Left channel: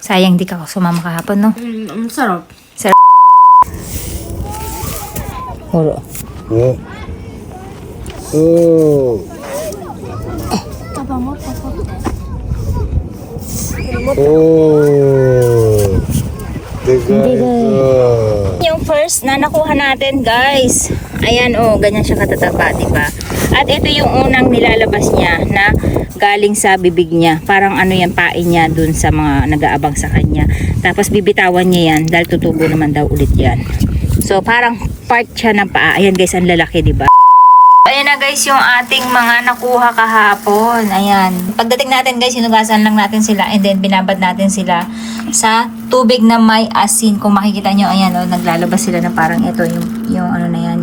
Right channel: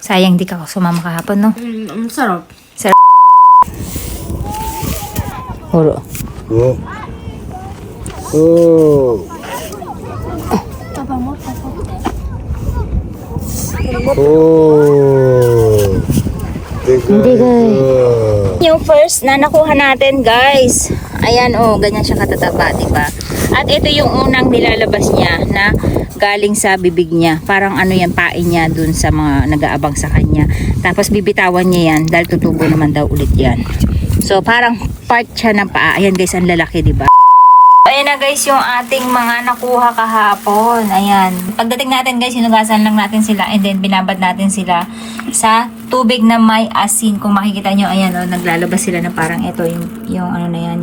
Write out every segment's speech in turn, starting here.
Sayang di ka sumama kahapon, no? Sarap. Puro. Oh. Oh. Oh. Yung first na nakuha natin, guys. Ayan, oh, ganyan siya katataba, diba? At ito yung unang nilalabas niya na galing sa bibig niya. Parang ano yan, pain niya dun sa mga nag-aabang sa kanya. Tapos bibitawan niya yan dahil tutubo naman daw ulit yan. So, parang part siya ng paa. Ayan, guys, ang lalaki, diba? Ayan na, guys, yung ating mga nakuha kahapon. Ayan. Pagdating natin, guys, hinugasan lang natin sila and then binabad natin sila sa tubig na may asin. Kung makikita nyo, ayan, oh, naglalabas sila na parang ito, yung ano na yan.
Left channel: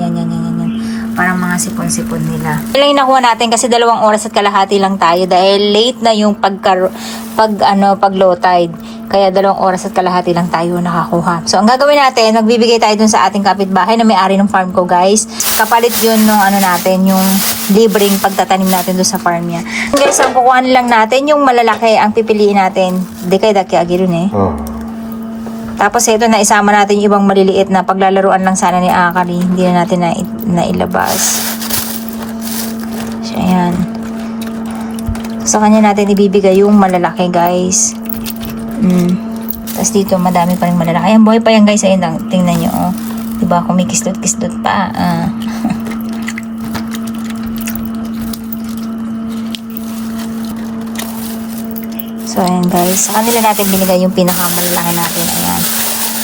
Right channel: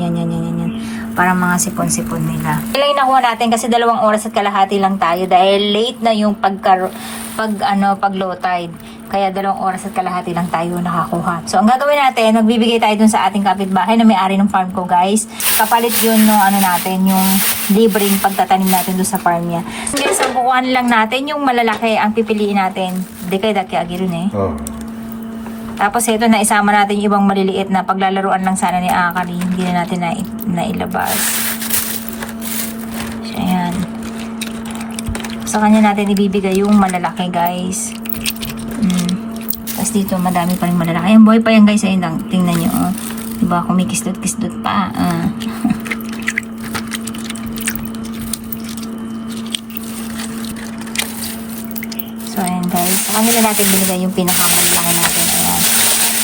Parang mga sipon-sipon nila. Ilang yung nakuha natin kasi 2 oras at kalahati lang tayo dahil late na yung pag low tide. Kaya 2 oras at kalahati lang tayo nakakuha. So, ang gagawin natin, magbibigay tayo dun sa ating kapitbahay na may-ari ng farm ko, guys. Kapalit yun nung ano natin, yung libreng pagtatanim natin dun sa farm niya. Guys, ang kukuha lang natin, yung malalaki, ang pipiliin natin. Di kayo daki agirun eh. Oh. Tapos ito na isama natin yung ibang maliliit na paglalaruan lang sana ni Akari. Hindi na natin nailabas. So, ayan. Sa kanya natin ibibigay yung malalaki, guys. Tapos dito madami pa rin malalaki. Ayan, buhay pa yan, guys. Ayan, tingnan nyo. Oh. Diba, kumikislot-kislot pa. So, ayan, guys. Sa kanila natin binigay yung pinakamalalaki natin. Ayan.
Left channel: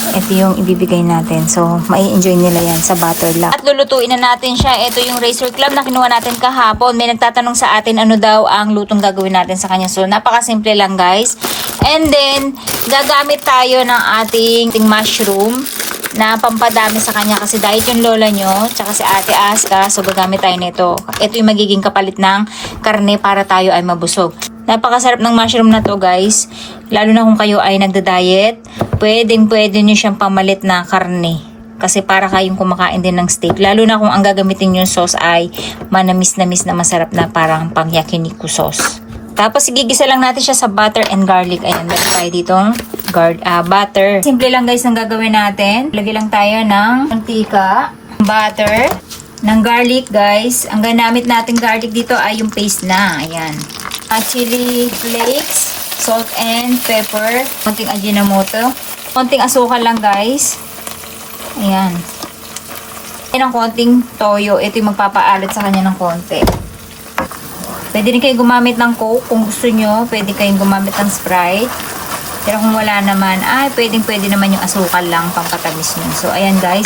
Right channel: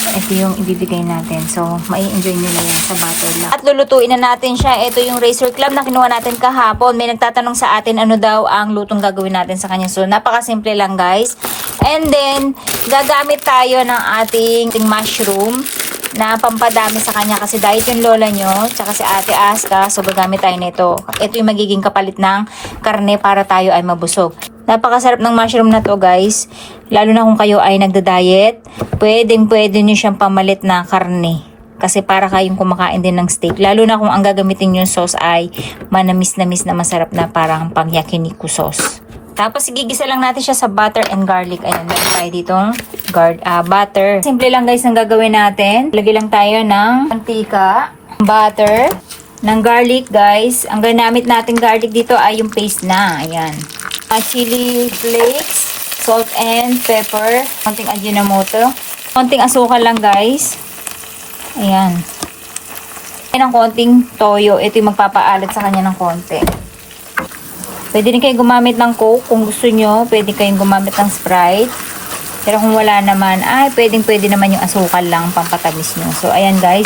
Ito yung ibibigay natin. So, mai-enjoy nila yan sa butter lang. At lulutuin na natin siya. Ito yung razor clam na kinuha natin kahapon. May nagtatanong sa atin ano daw ang lutong gagawin natin sa kanya. So, napakasimple lang, guys. And then, gagamit tayo ng ating mushroom na pampadami sa kanya kasi diet yung lola nyo tsaka si Ate Aska. So, gagamit tayo nito. Ito yung magiging kapalit ng karne para tayo ay mabusog. Napakasarap ng mushroom na to, guys. Lalo na kung kayo ay nagda-diet, pwede nyo siyang pamalit na karne. Kasi para kayong kumakain din ng steak. Lalo na kung ang gagamitin yung sauce ay manamis-namis na masarap na parang pang yakiniku sauce. Tapos igigisa lang natin siya sa butter and garlic. Ayan, meron tayo ditong butter. Simple lang, guys, ang gagawin natin. Lagay lang tayo ng mantika, butter, ng garlic, guys. Ang ginamit natin garlic dito ay yung paste na. Ayan. Chili flakes, salt and pepper, konting ajinomoto, konting asukal lang, guys. Ayan. Ayan ang konting toyo. Ito yung magpapaalat sa kanya ng konti. Pwede rin kayo gumamit ng Coke kung gusto nyo. Pwede kayong gumamit ng Sprite. Pero kung wala naman, pwede naman yung asukal lang pang katamis nyo. So, ayan, guys.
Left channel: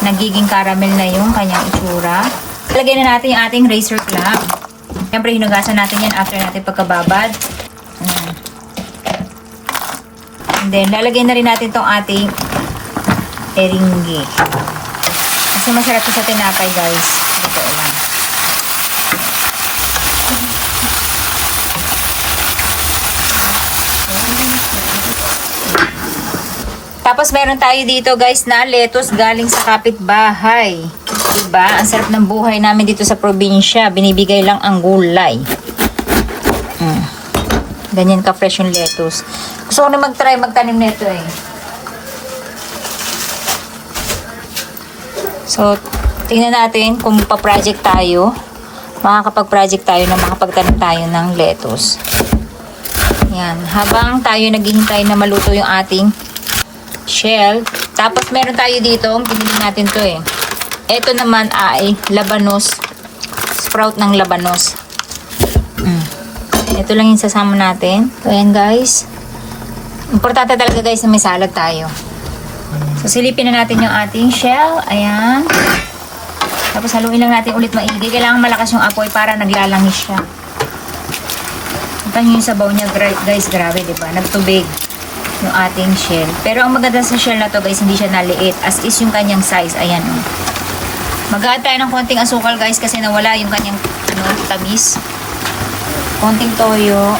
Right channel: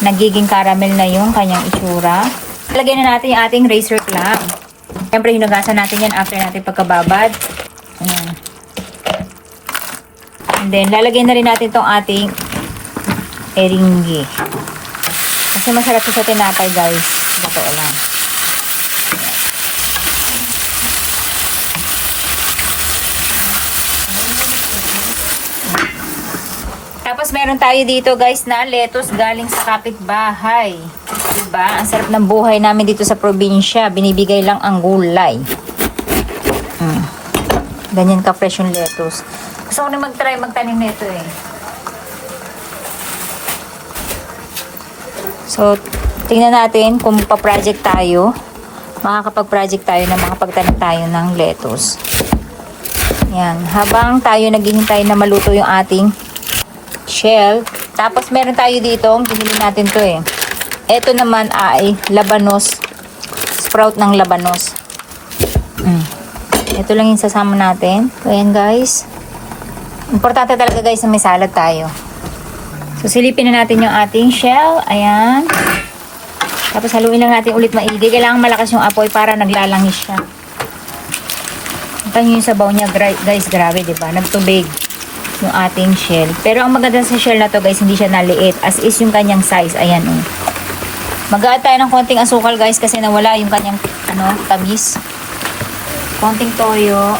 Nagiging caramel na yung kanyang itsura. Lagyan na natin yung ating razor clam. Siyempre, hinugasan natin yan after natin pagkababad. Ayan. And then, lalagay na rin natin tong ating eringi. Kasi masarap sa tinapay, guys. Ito lang. Tapos, meron tayo dito, guys, na lettuce galing sa kapitbahay. Diba? Ang sarap ng buhay namin dito sa probinsya. Binibigay lang ang gulay. Ganyan ka-fresh yung lettuce. Gusto ko na mag-try magtanim na ito eh. So, tingnan natin kung pa-project tayo. Makakapag-project tayo na makapagtanim tayo ng lettuce. Yan. Habang tayo naghihintay na maluto yung ating shell. Tapos, meron tayo dito. Pinili natin to eh. Ito naman ay labanos. Sprout ng labanos. Ito lang yung sasama natin. So, ayan, guys. Importante talaga, guys, na may salad tayo. So, silipin na natin yung ating shell. Ayan. Tapos, haluin lang natin ulit maigi. Kailangan malakas yung apoy para naglalangis siya. Ito yung sabaw niya, guys. Grabe, diba? Nagtubig yung ating shell. Pero, ang maganda sa shell na to, guys, hindi siya naliit. As is yung kanyang size. Ayan, mag-add tayo ng konting asukal, guys, kasi nawala yung kanyang tamis. Konting toyo.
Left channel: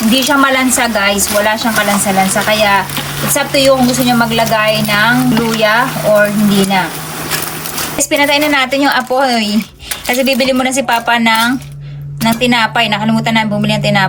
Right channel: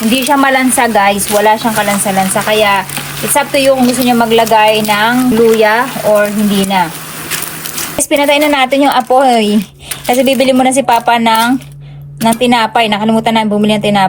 Hindi siya malansa, guys. Wala siyang kalansa-lansa. Kaya, it's up to you kung gusto nyo maglagay ng luya or hindi na. Guys, pinatay na natin yung apoy. Kasi bibili mo na si Papa ng tinapay. Nakalimutan na bumili ng tinapay.